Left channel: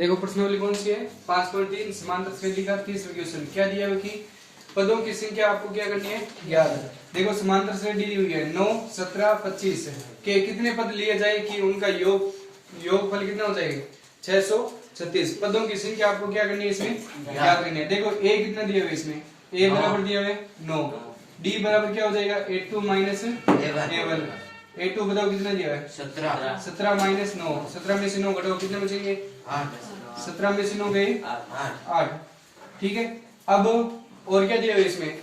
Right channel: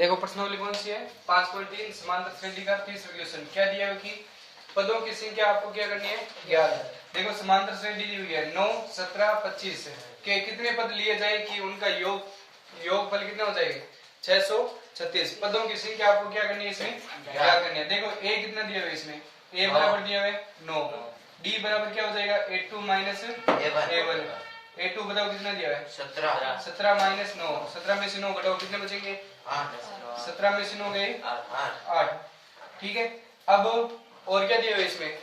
देखो प्रश्नावली कौन सी है 5.3 समांतर श्रेणी का तीसरा क्वेश्चन। क्या दिया है कि पदों की संख्या आपको क्या करनी है ज्ञात। देखो समांतर श्रेणी दी हुई है 9, 17, 25 के कितने पद लिए जाए कि उनका योगफल कितना हो जाएगा 636। पदों की संख्या आपको क्या करनी है इसमें ज्ञात करनी है। देखो ए कितना दिया हुआ है इसमें ए बराबर दिया हुआ है 9, डी बराबर क्या हो जाएगा a2 माइनस a1। a2 बताओ कितना दिया है 17 माइनस 9, 17 में से 9 घटाओ कितने बचेंगे 17 में से 9 गए 8। ठीक है, अब और क्या दिया हुआ है इसमें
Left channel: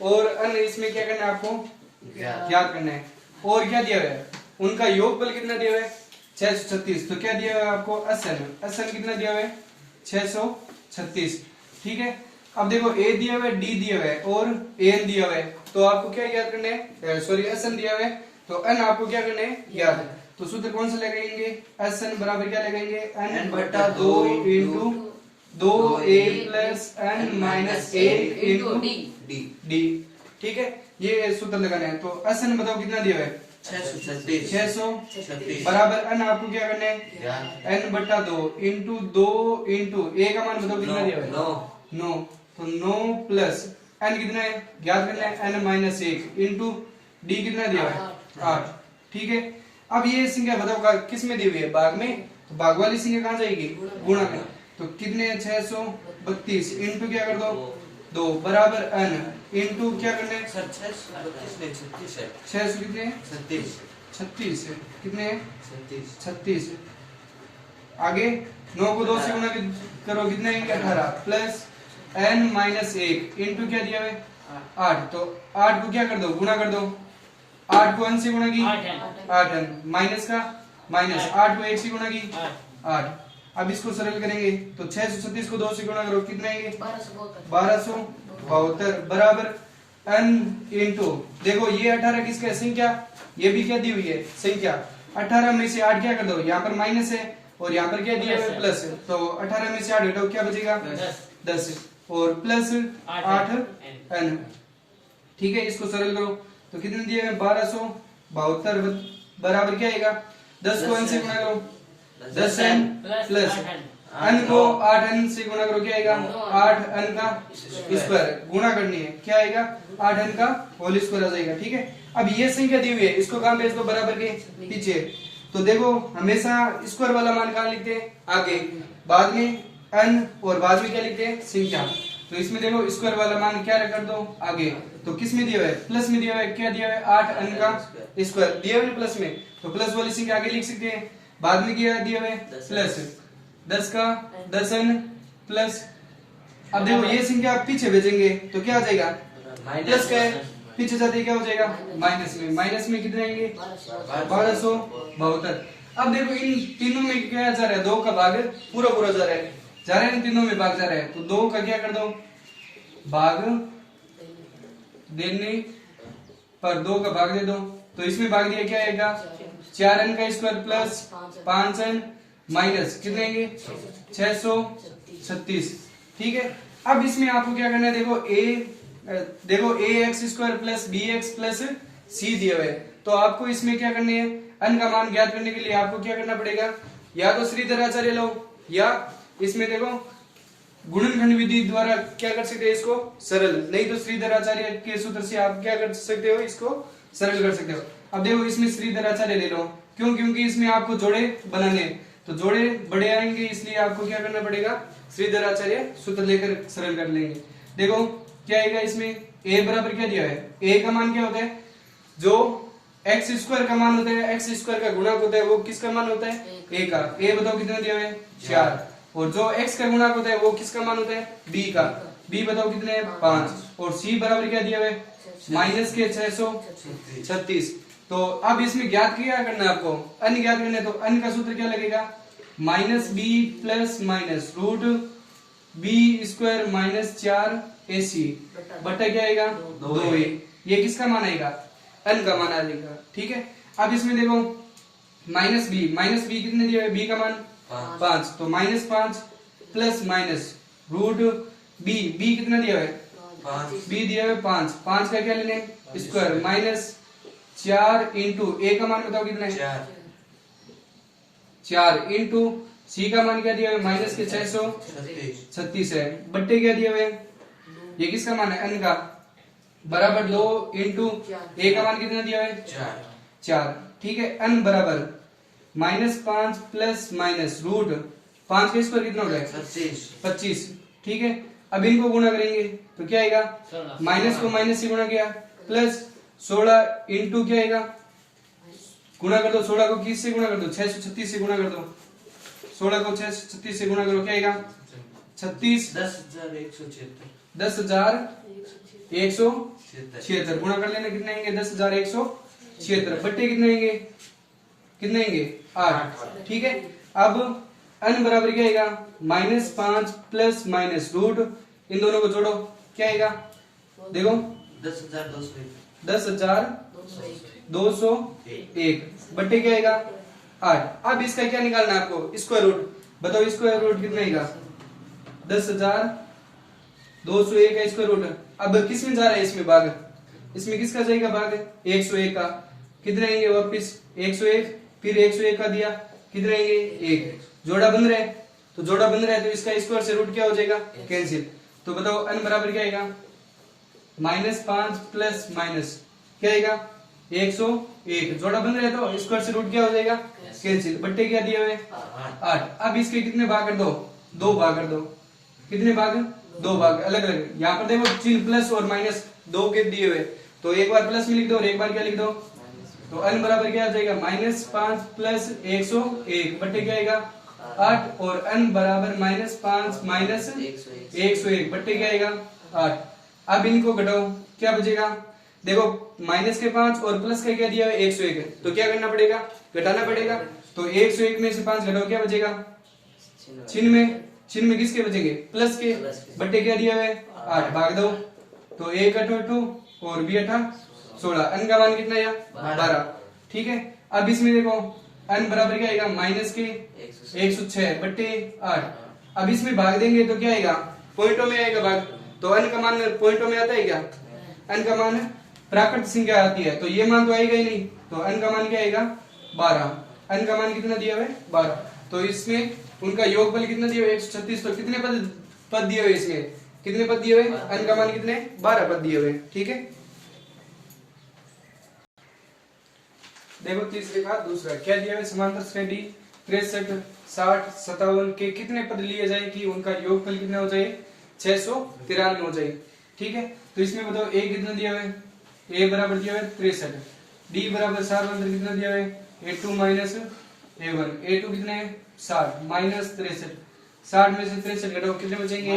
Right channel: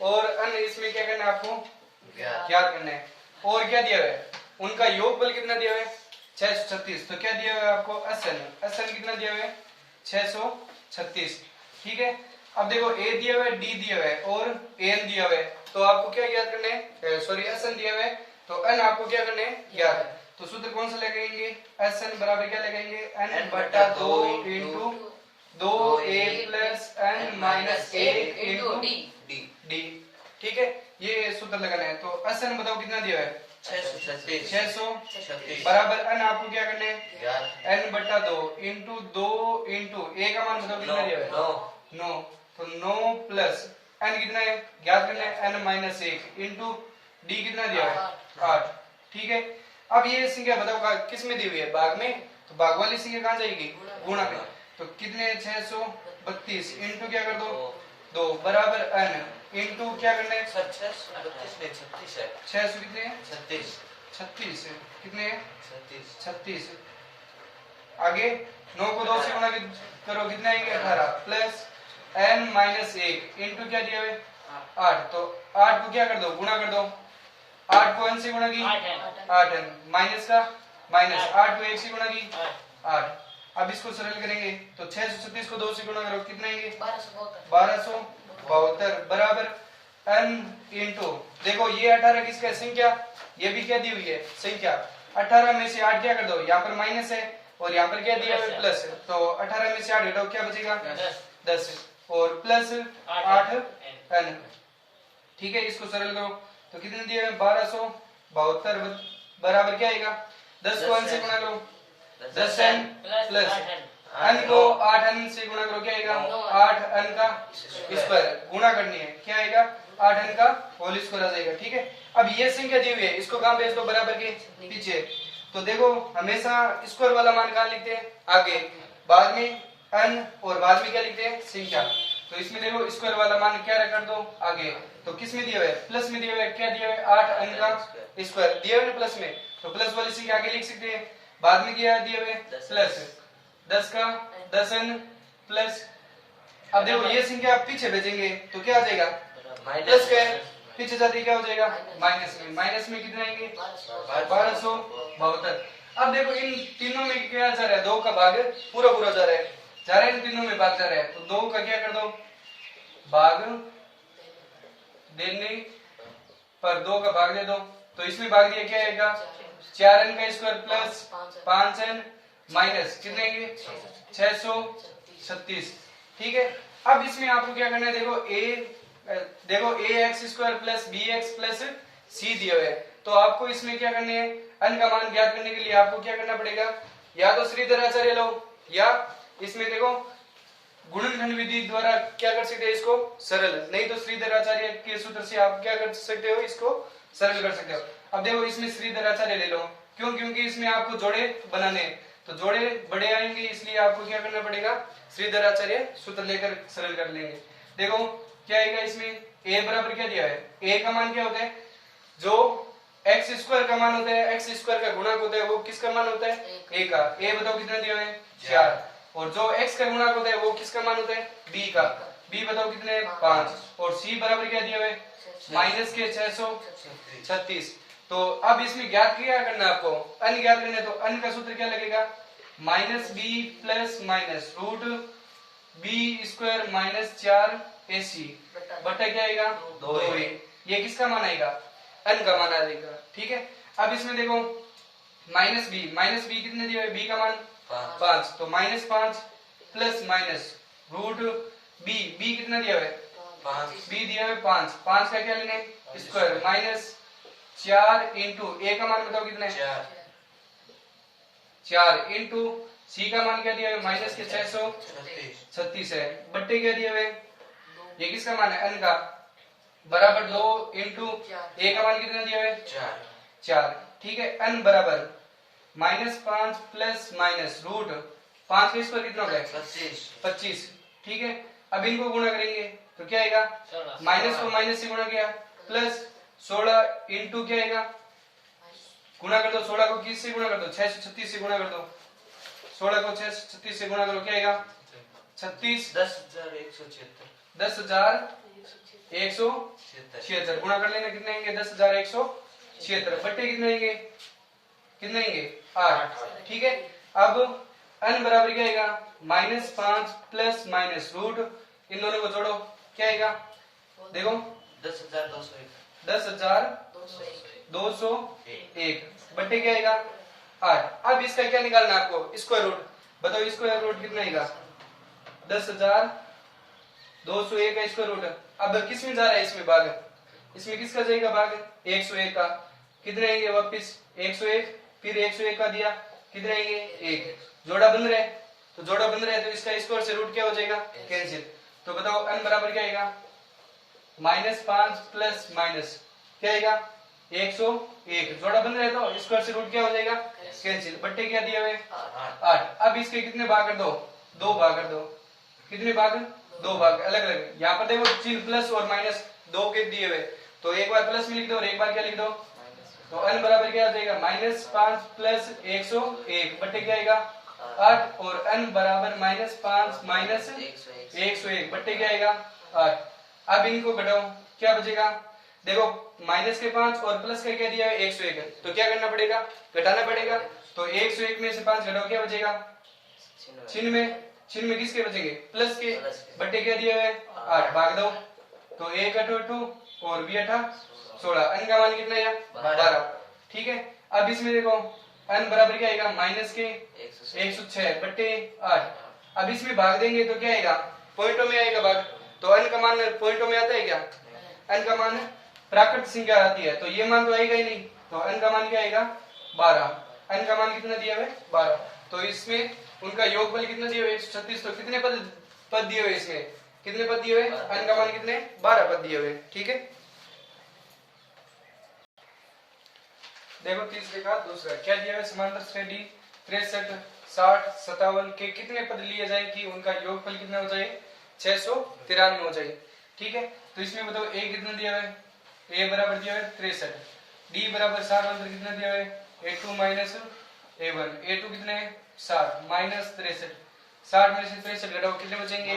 और अन्य इसमें क्या करना है आपको ज्ञात करना है। और क्या दिया हुआ है उनका योगफल कितना दिया हुआ है 636। तो क्या दिया हुआ है आपको असन कितना दिया हुआ है 636। ठीक है, अब देखो ए दिया हुआ है डी दिया हुआ है और एन दिया हुआ है तो आपको क्या ज्ञात करना है सॉरी असन दिया हुआ है तो अन आपको क्या करना है ज्ञात। तो सूत्र कौन सा लगाएंगे असन बराबर क्या लगाएंगे n बटा 2 into 2a plus n minus 1 into D. ठीक है, ये सूत्र लगाना है। तो असन बताओ कितना दिया है 636 बराबर n आपको क्या करना है n बटा 2 इंटू a का मान बताओ कितना दिया है 9। तो 9 प्लस n कितना है ज्ञात करना है n माइनस 1 इंटू डी कितना दिया है 8। ठीक है, अब ये संख्या बताओ किस में दी हुई है भाग में। तो भाग वाली संख्या कहाँ जाएगी गुणा में। तो कितने 632 इंटू क्या कर दो 2 बराबर n इंटू क्या करना है 600 कितने 36 कितने 36। आगे 9 को 2 से गुणा करो कितना आएंगे 18 प्लस n माइनस 1 इंटू क्या दिया है 8। तो 8 को क्या कर दो गुणा कर दो 8 को n से गुणा की 8n माइनस का माइनस 8 को 1 से गुणा की 8। अब इसको सरल करेंगे तो 636 को 2 से गुणा करो कितना आएंगे 1272 बराबर n इंटू देखो ये 18 किसका संख्या ये भी क्या दी हुई है संख्या 18 में से 8 क्या कर दो यहाँ पर माइनस है और यहाँ पर क्या दिया है प्लस है। तो 18 में से 8 घटाओ क्या बचेगा 10 और प्लस 8n। ठीक है, इसको सरल करो तो कितने दिए 1272 बराबर क्या आएगा 10 को n से गुणा करो 10n प्लस n को 8n से गुणा करो क्या आएगा 8n का स्क्वायर गुणा करनी है क्या आएगा 8n का होल स्क्वायर आ जाएगा। ठीक है, अब ये संख्या दी हुई है इसको कहां भेज दो बराबर के पीछे। तो देखो हमेशा स्क्वायर वाला मान कहां लिखते हैं आगे, बाद में n और बाद में क्या लिखते हैं संख्या। तो इसमें देखो स्क्वायर वाला मान क्या कर दो आगे। तो किस में दिया हुआ है प्लस में दिया हुआ है क्या दिया हुआ है 8n का स्क्वायर दिया हुआ है प्लस में। तो प्लस वाली संख्या आगे लिख सकते हैं, बाद में क्या दिया हुआ है प्लस 10 का 10n प्लस। अब देखो ये संख्या आप पीछे भेजेंगे तो क्या आ जाएगा प्लस का है पीछे जाते क्या हो जाएगा माइनस में कितने आएंगे 1272। अब देखो इन तीनों में क्या जा रहा है 2 का भाग पूरा जा रहा है इन तीनों में भाग जा रहा है। तो 2 का क्या कर दो भाग देने पर 2 का भाग दे दो। तो इसमें भाग दिया क्या आएगा 4n का स्क्वायर प्लस 5n माइनस कितने आएंगे 636। ठीक है, अब इसमें आपको क्या करना है देखो a x square plus B x plus C दिया हुआ है। तो आपको इसमें क्या करने है n का मान ज्ञात करने के लिए आपको क्या करना पड़ेगा या तो श्रीधर आचार्य लो या इसमें देखो गुणनखंड विधि द्वारा क्या कर सकते हैं इसको सरल, नहीं तो श्रीधर आचार्य के सूत्र से आप क्या कर सकते हो इसको सरल कर सकते हो। अब देखो इसमें श्रीधर आचार्य ले लो क्योंकि इसमें आपको जोड़े बनाने तो जोड़े बड़े आएंगे इसलिए आपको क्या करना पड़ेगा श्रीधर आचार्य सूत्र लेकर सरल कर लेंगे। देखो क्या आएगा इसमें a बराबर क्या दिया है a का मान क्या होता है जो x स्क्वायर का मान होता है x स्क्वायर का गुणक होता है वो किसका मान होता है a का। a बताओ कितना दिया हुआ है 4 और जो x का गुणक होता है वो किसका मान होता है b का। b बताओ कितने है 5 और c बराबर क्या दिया हुआ है माइनस के 636। तो अब इसमें ज्ञात क्या करना है आपको n ज्ञात करना है। तो n का सूत्र क्या लगेगा minus b plus minus root b square minus 4 AC बट्टा क्या आएगा 2a। ये किसका मान आएगा n का मान आएगा। ठीक है, अब इसमें देखो माइनस b कितने दिया है b का मान 5 तो minus 5 plus minus root b कितना दिया है b दिया है 5 का क्या लेना है स्क्वायर माइनस 4 इंटू ए का मान बताओ कितना है, 4 इंटू सी का मान क्या दिया है, माइनस के 636 है, बट्टे क्या दिया हुए, ये किसका मान है, n का, बराबर 2 इंटू ए का मान कितना दिया है, 4। ठीक है, n बराबर -5 प्लस माइनस रूट 5 के स्क्वायर कितना हो गया, 25। ठीक है, अब इनको गुणा करेंगे तो क्या आएगा, माइनस को माइनस से गुणा किया, प्लस 16 इंटू क्या आएगा, गुणा कर दो, 16 को किस से गुणा कर दो, 636 से गुणा कर दो, 16 को 636 से गुणा करो, क्या आएगा, 36 10,176 गुणा कर लेना, कितने आएंगे, 10,176, बट्टे कितने आएंगे, 8। ठीक है, अब n बराबर क्या आएगा, -5 प्लस माइनस रूट, इन दोनों को जोड़ो, क्या आएगा, देखो 10,201, बट्टे क्या आएगा, 8। अब इसका क्या निकालना है आपको, स्क्वायर रूट, बताओ स्क्वायर रूट कितना आएगा, 10,201 का स्क्वायर रूट। अब किस में जा रहा है, इसमें भाग, इसमें किसका जाएगा भाग, 101 का, कितने आएंगे वापिस 101, फिर 101 का दिया, कितने आएंगे 1, जोड़ा बन रहा है, तो जोड़ा बन रहा है तो इसका स्क्वायर से रूट क्या हो जाएगा, कैंसिल। तो बताओ n बराबर क्या आएगा, -5 प्लस माइनस क्या आएगा, 101, जोड़ा बन रहा है तो स्क्वायर से रूट क्या हो जाएगा, कैंसिल, बट्टे क्या दिया हुए, 8। अब इसके कितने भाग कर दो, 2 भाग कर दो, कितने भाग, 2 भाग, अलग अलग, यहाँ पर देखो चिन्ह प्लस और माइनस 2 के दिए हुए, तो एक बार प्लस में लिख दो और एक बार क्या लिख दो, तो n बराबर क्या आ जाएगा, -5 प्लस 101, बट्टे क्या आएगा, 8, और n बराबर -5 माइनस 101, बट्टे क्या आएगा, 8। अब इनको घटाओ, क्या बचेगा, देखो माइनस के 5 और प्लस का क्या दिया है, 101 है, तो क्या करना पड़ेगा, घटाना पड़ेगा, तो 101 में से 5 घटाओ, क्या बचेगा, चिन्ह में किसके बचेंगे, प्लस के, बट्टे क्या दिया है, 8, भाग दो, तो 1 8 और b 8 16, n का मान कितना आया, 12। ठीक है, अब इसमें देखो n बराबर क्या आएगा, माइनस के 106 बट्टे 8। अब इसमें भाग देंगे तो क्या आएगा, पॉइंटों में आएगा भाग, तो n का मान पॉइंटों में आता है क्या, n का मान प्राकृत संख्या आती है, तो ये मान तो आएगा ही नहीं, तो n का मान क्या आएगा, 12, n का मान कितना दिया हुआ है, 12, तो इसमें उनका योगफल कितना दिया हुआ है, 136, तो कितने पद दिए हुए, इसमें कितने पद दिए हुए, n का मान कितने, 12 पद दिए हुए। ठीक है, देखो तीसरे का दूसरा क्या दिया है, समांतर श्रेणी 63 60 57 के कितने पद लिए जाए कि उनका योगफल कितना हो जाए, 693 हो जाए। ठीक है, तो इसमें बताओ a कितना दिया हुआ है, a बराबर दिया हुआ है 63, d बराबर 7 अंतर कितना दिया हुआ है, a2 माइनस a1, a2 कितने है 60 माइनस 63, 60 में से 63 घटाओ, कितने बचेंगे,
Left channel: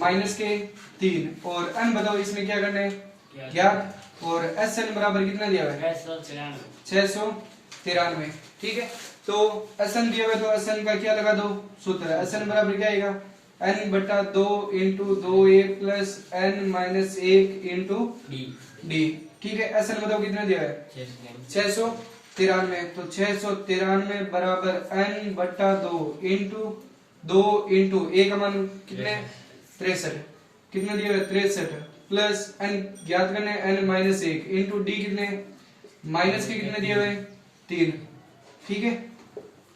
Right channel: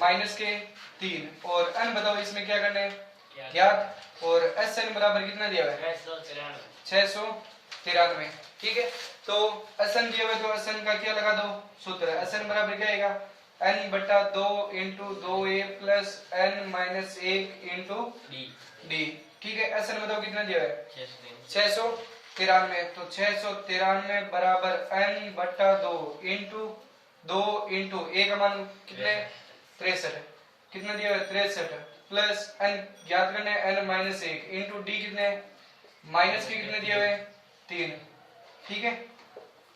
माइनस के 3, और n बताओ इसमें क्या करना है, ज्ञात, और SN बराबर कितना दिया हुआ है, 693। ठीक है, तो SN दिया हुआ है, तो SN का क्या लगा दो सूत्र, SN बराबर क्या आएगा, n बटा 2 into 2a plus n minus 1 into d। ठीक है, SN बताओ कितना दिया है, 693, तो 693 बराबर n बटा 2 इंटू a का मान कितने, 63, कितना दिया है 63, प्लस n ज्ञात करना है n माइनस 1 इंटू d कितने, माइनस के कितने दिए हुए 3। ठीक है,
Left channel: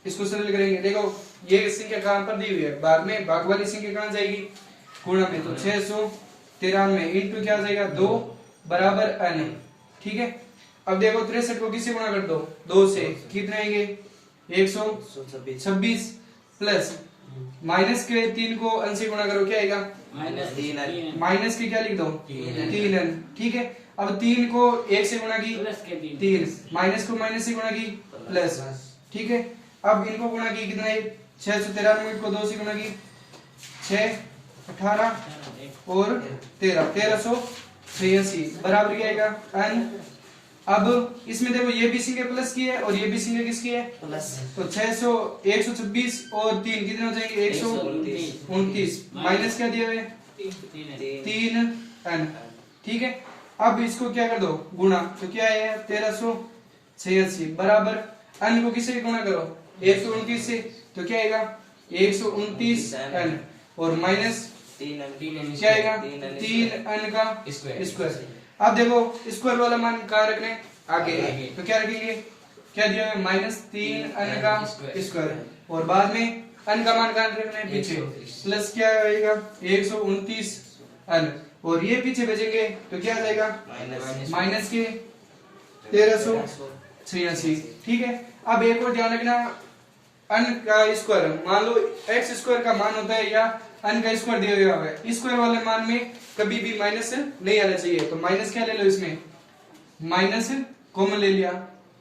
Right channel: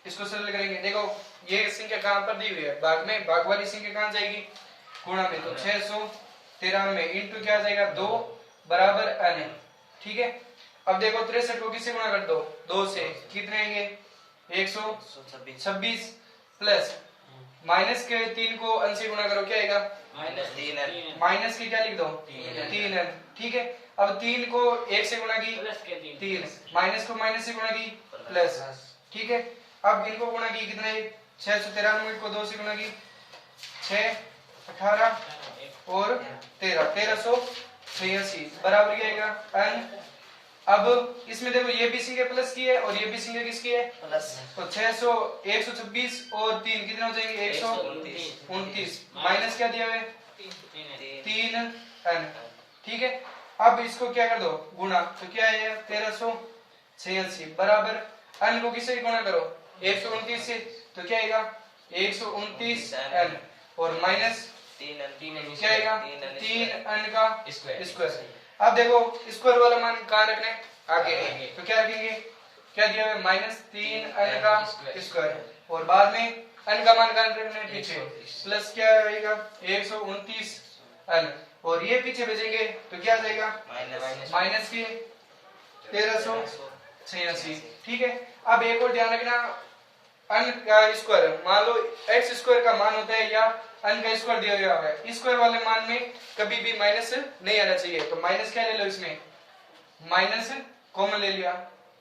इसको सरल करेंगे, देखो ये संख्या कहां पर दी हुई है, भाग में, भाग वाली संख्या कहां जाएगी, गुणा में, तो 693 इंटू क्या आ जाएगा 2 बराबर n। ठीक है, अब देखो 63 को किससे गुणा कर दो, 2 से, कितने आएंगे 126, प्लस माइनस के 3 को n से गुणा करो, क्या आएगा माइनस के क्या लिख दो 3n। ठीक है, अब 3 को 1 से गुणा की 3, माइनस को माइनस से गुणा की प्लस। ठीक है, अब इनको गुणा की कितना है, 693 को 2 से गुणा की 6 18 और 13 1386 बराबर क्या आएगा n। अब इसमें देखो ये भी संख्या प्लस की है और ये भी संख्या किसकी है प्लस, तो 126 और 3 कितने हो जाएंगे 129, माइनस क्या दिया हुआ है 3n। ठीक है, अब इसको क्या कर दो गुणा, तो क्या है 1386 बराबर n को किससे गुणा करो 129 से, तो क्या आएगा 129n और माइनस क्या आएगा 3n का स्क्वायर। अब देखो स्क्वायर वाला मान कहाँ रखना है, आगे, तो क्या रखेंगे, क्या दिया है -3n का स्क्वायर, और बाद में n का मान कहां रखना है, पीछे, प्लस क्या आएगा 129n, और ये पीछे भेजेंगे तो क्या आ जाएगा माइनस के 1386। ठीक है, अब एक और ध्यान रखना, n का स्क्वायर मान लो x स्क्वायर का मान होता है या n का स्क्वायर दिया हुआ है, स्क्वायर वाले मान में कभी भी माइनस नहीं आना चाहिए, तो माइनस क्या ले लो, इसमें माइनस कॉमन ले लिया,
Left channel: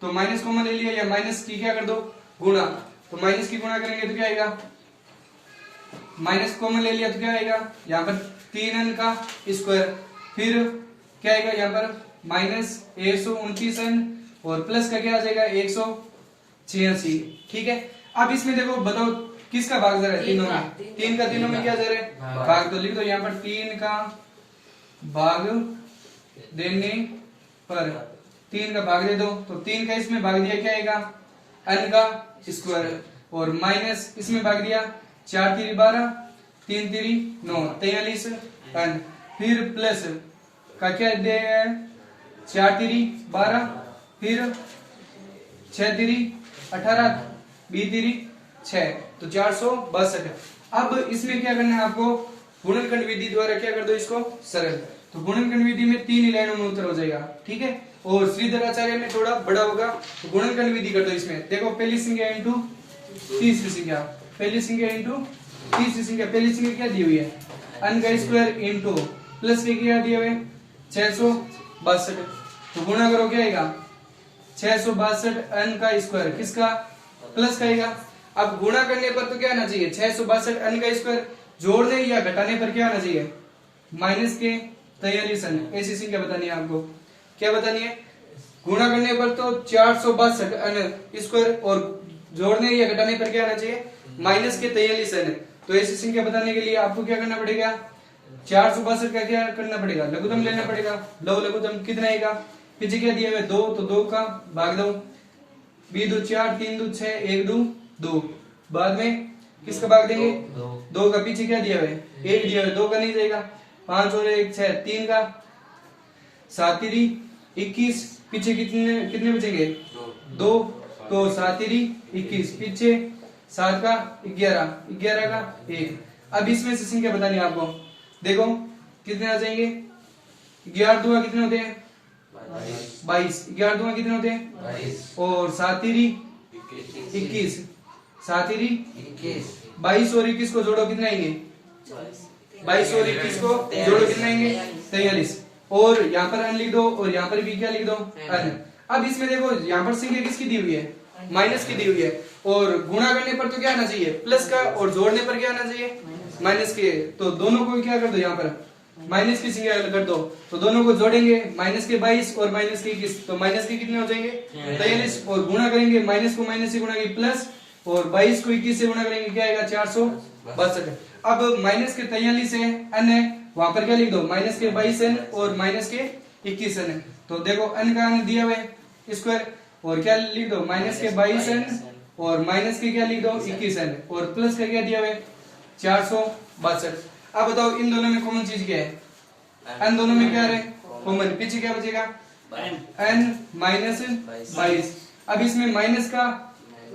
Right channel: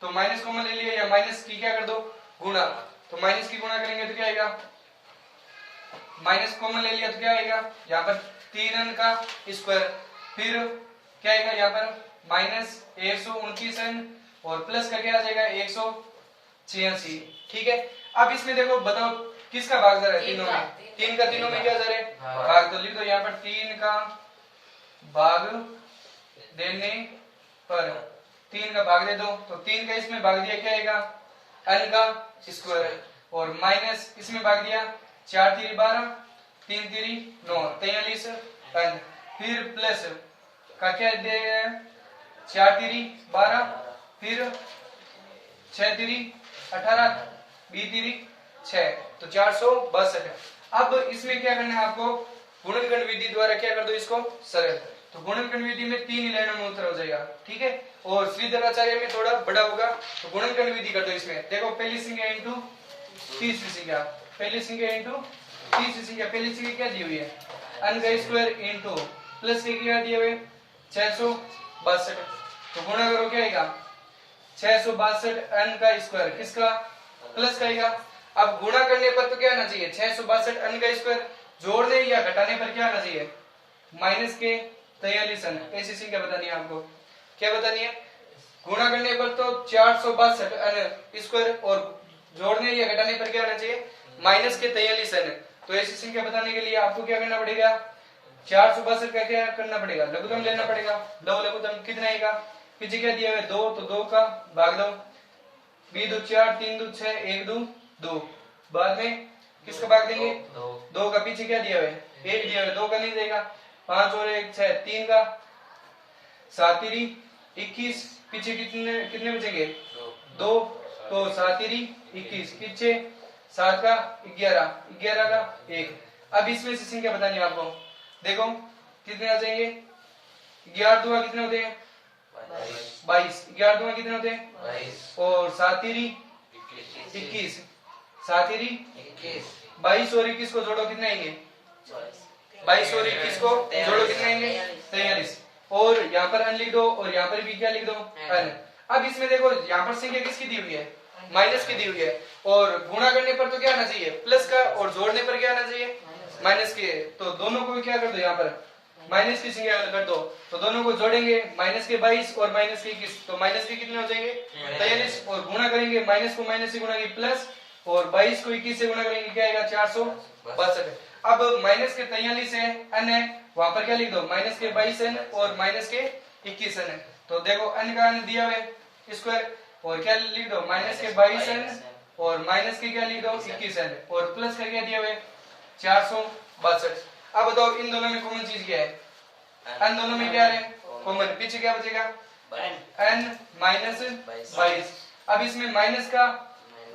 तो माइनस कॉमन ले लिया, या माइनस की क्या कर दो गुणा, तो माइनस की गुणा करेंगे तो क्या आएगा, माइनस कॉमन ले लिया तो क्या आएगा, यहाँ पर 3n का स्क्वायर, फिर क्या आएगा यहाँ पर -129n, और प्लस का क्या आ जाएगा 186। ठीक है, अब इसमें देखो बताओ किसका भाग जा रहा है, तीनों में, 3 का तीनों में क्या जा रहा है भाग, तो लिख दो यहाँ पर 3 का भाग देने पर, 3 का भाग दे दो, तो 3 का इसमें भाग दिया क्या आएगा n का स्क्वायर, और माइनस इसमें भाग दिया 4 3 12 3 3 9 43n, फिर प्लस का क्या देगा 4 3 12, फिर 6 3 18 बी 3 6, तो 462। अब इसमें क्या करना है आपको, गुणनखंड विधि द्वारा क्या कर दो इसको सरल, तो गुणनखंड विधि में 3 लाइनों में उत्तर हो जाएगा। ठीक है, और श्रीधराचार्य में थोड़ा बड़ा होगा, तो गुणनखंड विधि कर दो इसमें, देखो पहली संख्या इंटू तीसरी संख्या, पहली संख्या इंटू तीसरी संख्या, पहली संख्या क्या दी हुई है n का स्क्वायर इंटू प्लस के क्या दिए हुए 662, तो गुणा करो क्या आएगा 662 n का स्क्वायर, किसका प्लस का आएगा। अब गुणा करने पर तो क्या आना चाहिए 662 n का स्क्वायर, जोड़ने या घटाने पर क्या आना चाहिए माइनस के 43n, ऐसी संख्या बतानी है आपको, क्या बतानी है, गुणा करने पर तो 462 n स्क्वायर, और जोड़ने या घटाने पर क्या आना चाहिए माइनस के 43n, तो ऐसी संख्या बताने के लिए आपको क्या करना पड़ेगा 462 का क्या करना पड़ेगा लघुत्तम लेना पड़ेगा, लघुत्तम कितना आएगा, पीछे क्या दिया है 2, तो 2 का भाग दो, 2 2 4 3 2 6 1 2 2, बाद में किसका भाग देंगे 2 का, पीछे क्या दिया है 1 दिया है, 2 का नहीं जाएगा, 5 और 1 6, 3 का 7 3 21, पीछे कितने कितने बचेंगे 2, तो 7 3 21, पीछे 7 का 11, 11 का 1। अब इसमें से संख्या बतानी है आपको, देखो कितने आ जाएंगे, 11 दूना कितने होते हैं 22, 11 दूना कितने होते हैं, और 7 21, 7 22 और 21 को जोड़ो कितने आएंगे 22 और 21 को जोड़ो कितने आएंगे 43, और यहाँ पर n लिख दो, और यहाँ पर भी क्या लिख दो n। अब इसमें देखो यहाँ पर संख्या किसकी दी हुई है माइनस की दी हुई है, और गुणा करने पर तो क्या आना चाहिए प्लस का, और जोड़ने पर क्या आना चाहिए माइनस के, तो दोनों को क्या कर दो यहाँ पर माइनस की संख्या कर दो, तो दोनों को जोड़ेंगे माइनस के 22 और माइनस के 21, तो माइनस के कितने हो जाएंगे 43, और गुणा करेंगे माइनस को माइनस से गुणा करेंगे प्लस, और 22 को 21 से गुणा करेंगे क्या आएगा 462। अब माइनस के 43 है n है, वहां पर क्या लिख दो माइनस के 22n और माइनस के 21n है, तो देखो n का n दिया हुआ है स्क्वायर, और क्या लिख दो माइनस के 22n और माइनस के क्या लिख दो 21n, और प्लस का क्या दिया हुआ है 462। अब बताओ इन दोनों में कॉमन चीज क्या है, n दोनों में क्या है कॉमन, पीछे क्या बचेगा n माइनस 22, अब इसमें माइनस का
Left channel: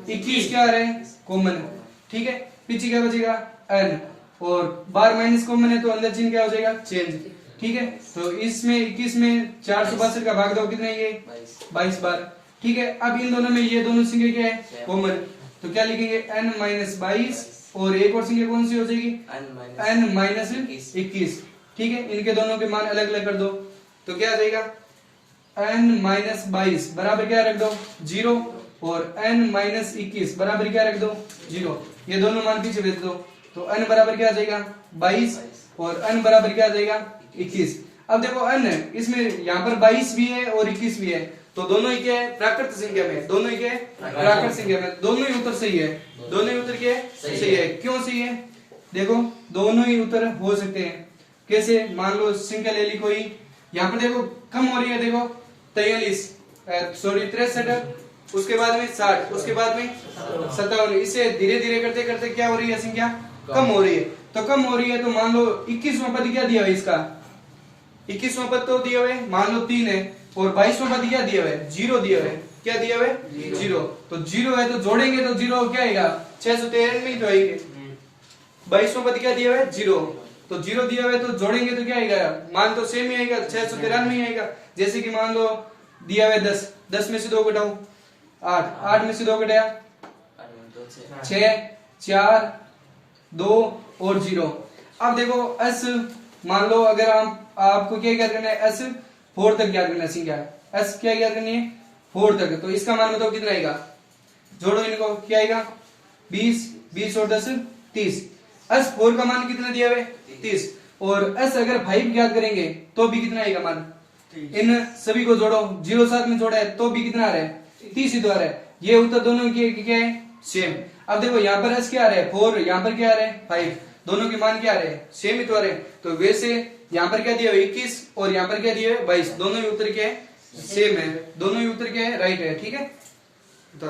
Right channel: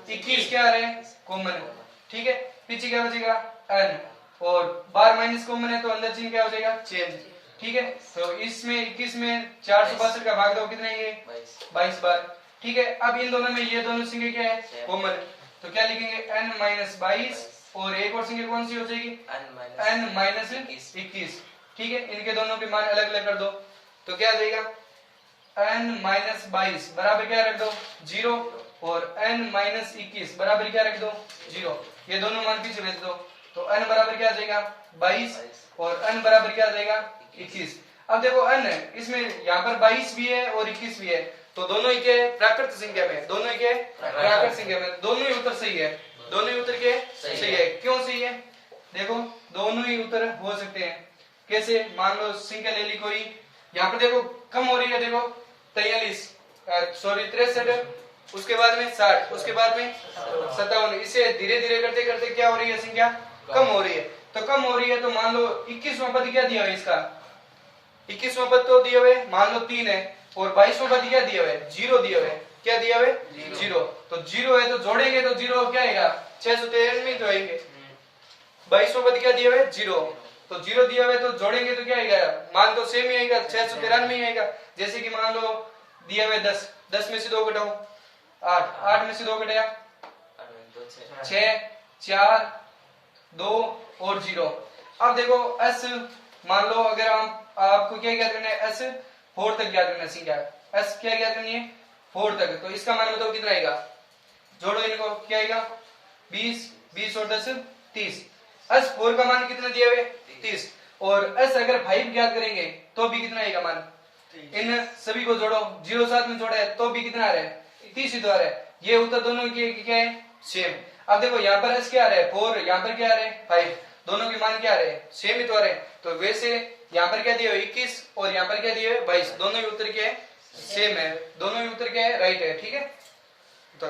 21 क्या आ रहा है कॉमन, ठीक है, पीछे क्या बचेगा n, और बार माइनस कॉमन है तो अंदर चिन्ह क्या हो जाएगा चेंज। ठीक है, तो इसमें 21 में 462 का भाग दो कितने आएंगे 22 बार। ठीक है, अब इन दोनों में ये दोनों संख्या क्या है कॉमन, तो क्या लिखेंगे n माइनस 22, और एक और संख्या कौन सी हो जाएगी n माइनस 21। ठीक है, इनके दोनों के मान अलग अलग कर दो, तो क्या आ जाएगा n माइनस 22 बराबर क्या रख दो 0, और n माइनस 21 बराबर क्या रख दो 0, ये दोनों मान पीछे भेज दो, तो n बराबर क्या आ जाएगा 22, और n बराबर क्या आ जाएगा 21। अब देखो n इसमें यहाँ पर 22 भी है और 21 भी है, तो दोनों ही क्या है प्राकृत संख्या में, दोनों ही क्या है प्राकृत संख्या में, दोनों ही उत्तर सही है, दोनों ही उत्तर क्या सही है। क्यों सही है, देखो दोनों ही उत्तर हो सकते हैं, कैसे, मान लो संख्या ले ली कोई, यहाँ पर देखो कम हो रही है, देखो 63, उसके बाद में 60, उसके बाद में 57, इसे धीरे धीरे करते करते क्या हो रही है संख्या कम हो रही है, तो कम हो रही है, तो मान लो 21वां पद क्या दिया है इसका, 21वां पद तो दिया हुआ है मान लो 3 है, और 2200 का क्या दिया हुआ है, 0 दिया हुआ है। क्या दिया हुआ है, 0। तो 0 है तो जोड़ेंगे तो 0 क्या आएगा, 613 में ही तो आएंगे। 2200 का क्या दिया हुआ है, 0। तो 0 दिया हुआ है तो जोड़ेंगे तो क्या आएगा, मान तो सेम ही आएगा, 613 में ही आएगा। जैसे कि मान लो दिया हुआ है 10, 10 में से 2 घटाओ 8, 8 में से 2 घटाया 6, 4, 2 और 0। अब देखो s, मान लो अगर आपको क्या ज्ञात करना है, s 4 तक ज्ञात करना है, क्या है s क्या ज्ञात करनी है, 4 तक। तो इसका मान बताओ कितना आएगा, जोड़ो इनको, क्या आएगा 20, 20 और 10 30। s 4 का मान कितना दिया हुआ है, 30। और s अगर 5 ज्ञात करेंगे तो भी कितना आएगा मान, इन सभी को जोड़ो, 0 साथ में जोड़ा है तो भी कितना आ रहा है, 30 ही तो आ रहा है। ये उत्तर दोनों की क्या है, सेम। अब देखो यहाँ पर s क्या आ रहा है 4, यहाँ पर क्या आ रहा है 5, दोनों के मान क्या आ रहे हैं, सेम ही तो आ रहे हैं। तो वैसे यहाँ पर क्या दिया है 21 और यहाँ पर क्या दिया है 22, दोनों ही उत्तर क्या है, सेम है, दोनों ही उत्तर क्या है, राइट है। ठीक है, तो